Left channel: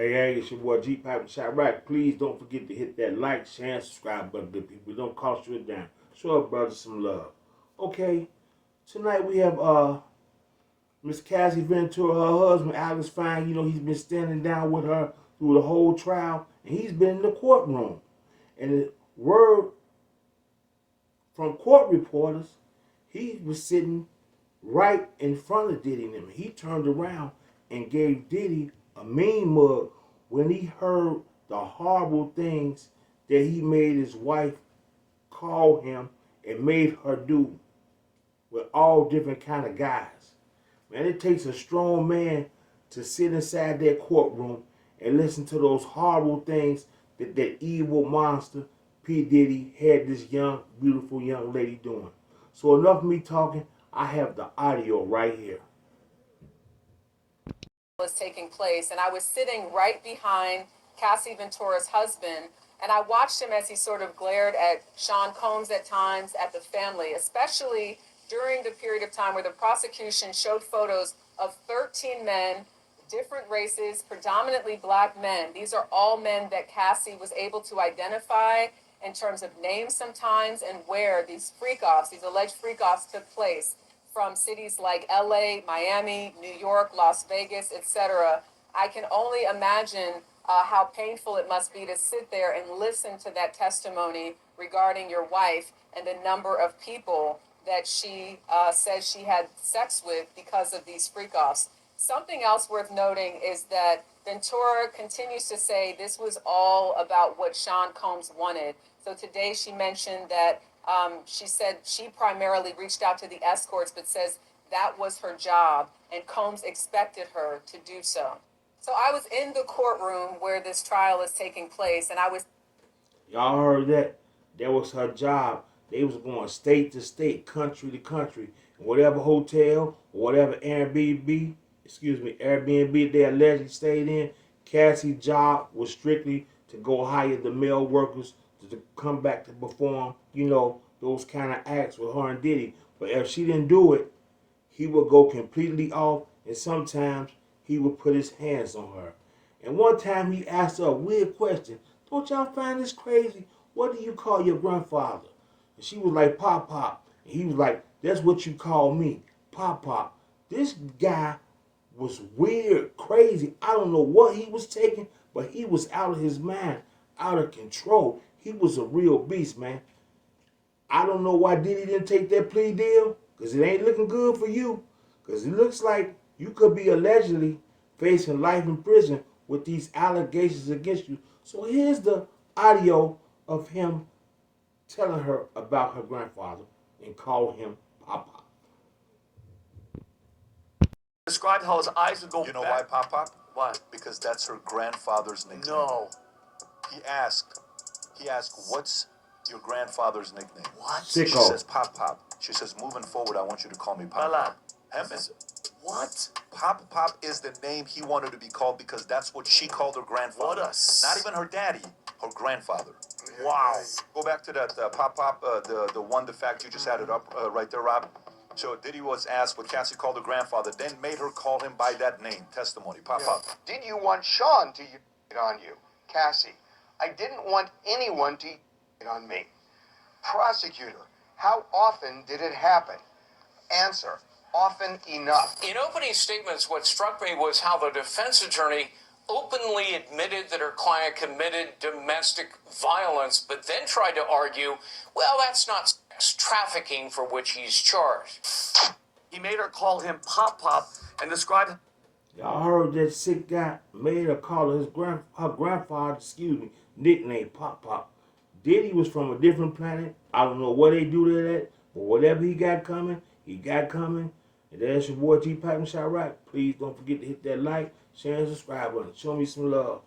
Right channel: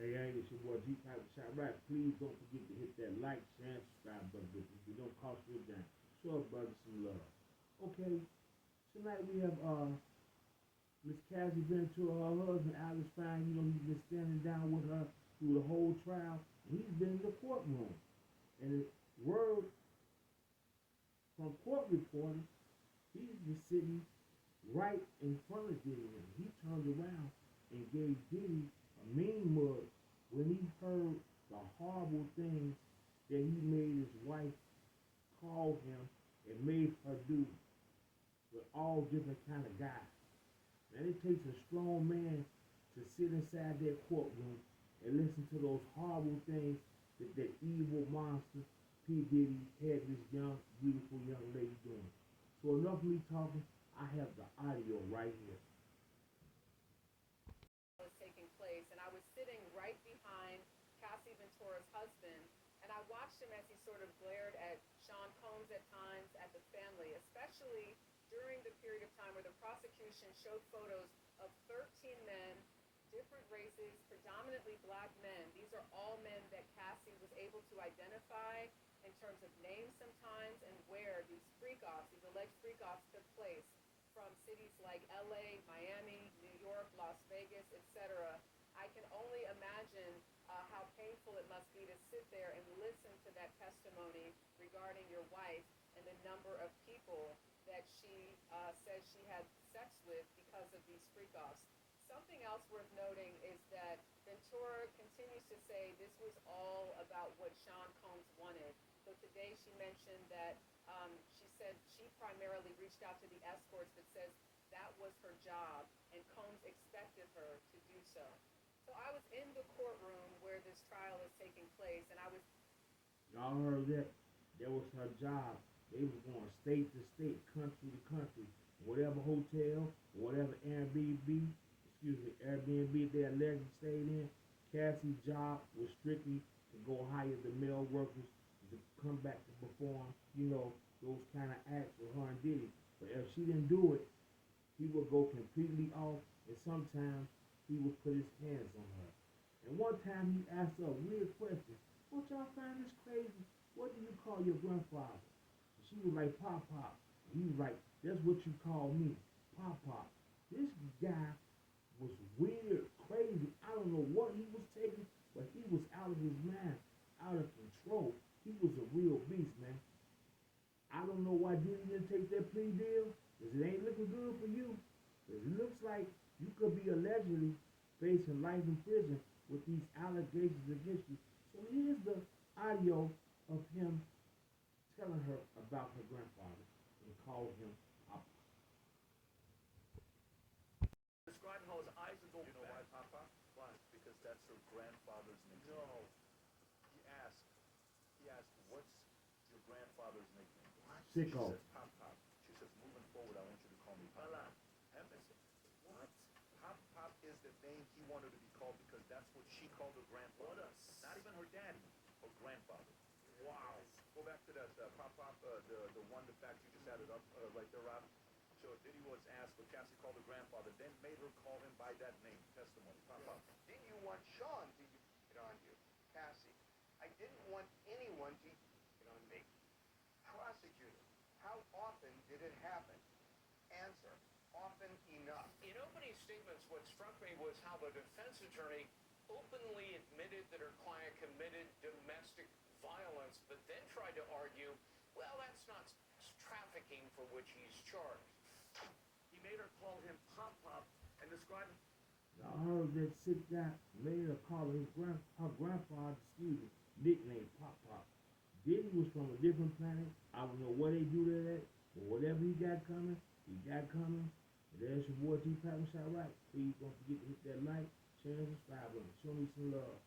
Hey, it's your boy Gpac with Shot Right. Please don't forget to hit that like, share, and subscribe button, good people. It don't cost you a dime. Show our brothers some love. Okay, tonight we have Miss Cassie Ventura, her husband Alex Fine. You know, he's been standing down with her through the whole trial, and he's been in the courtroom. And the word from court reporters, he was sitting right in front of Diddy and him. He turned around and gave Diddy a mean mug when he heard the horrible things that he made his wife call him and made her do with all different kind of guys. Man, it takes a strong man to sit inside that courtroom and listen to those horrible things that that evil monster P. Diddy had this young, beautiful young lady doing. So enough of me talking. I have the audio right here. Was taking place, and I was sitting right behind Cassie Ventura's husband, and I watched him as he sort of glared at Sean Combs at times, at the family, especially during the period of time where the prosecution showed photos of 13 men, different races, predominantly black men. These are all men that Cassie was able to identify in terms of names sometimes and where these freak-offs, these alleged freak-offs took place from cities like LA, Miami, New York, Las Vegas, etc. I can only imagine how painful it must be to sit there and listen to that testimony regarding your wife and the number of people that she says she had sex with because of these freak-offs. Something else worth noting is that Ventura continues to say this was all about what Sean Combs wanted. So today she mentioned that she said she primarily reached out to the escorts, but says that was her job, and Combs expected her to do so. So I was in the courtroom where this trial is taking place, and I was. Y'all heard that? That was her job. They was going state to state, country to country, whatever hotel, whatever Airbnb they allegedly stayed in. Cassie's job was strictly to go hire the male workers to come back to perform, you know, those kind of acts with her and Diddy. But if she didn't do it, he would go completely off, and sometimes he would put his hands on her. And one time he asked her a weird question. Don't y'all find this crazy? What do you call your grandfather? And she was like, Pop Pop. And he was like, that's what you call me, Pop Pop. This guy was weird, crazy. I don't know what he was taking, but he was out of his mind, out of control. He was a real beast, man. I don't know why Diddy didn't take that plea deal, because it ain't looking good for you. Because it looks like you could be allegedly facing life in prison with these allegations against you. So here's the audio of him telling her about her grandfather and calling him Papa. Described how his eyes would go You know back. why Pop Pop? Why? Because that's her grandfather's nickname. No. He asked, what's your grandfather's nickname? What? She Sicko. says Pop Pop. She says, moving forward, I want you to call me Pop Lala. Pop. Hempin. What? Pop Pop is the name he wanted to be called because that's what she called her grandfather. Not even her daddy, her grandfather. Wow. Go back to that Pop Pop, the fact you just had it up right there, Rob. So Diddy was asked what Cassie called her grandfather, then made her call him by that name. Testimony. Pop Pop. Did you want Sean to hit on you? Cassie, I didn't want anyone to hit on me. Prosecutor, how often did it happen? Answer, often enough. In opening statements, what struck me was how the defense attorney openly admitted that her client committed domestic violence, but then tried to argue, well, that's not sex trafficking for which he's charged. He made her call him Pop Pop and described. Y'all heard that sick guy made her call her grandfather, nickname Pop Pop. Diddy was from a different planet. I don't know what they do to that, but whatever he got coming, he got coming. And that's your boy Gpac and Shot Right. Please don't forget to hit that like, share, and subscribe button. Show me some love.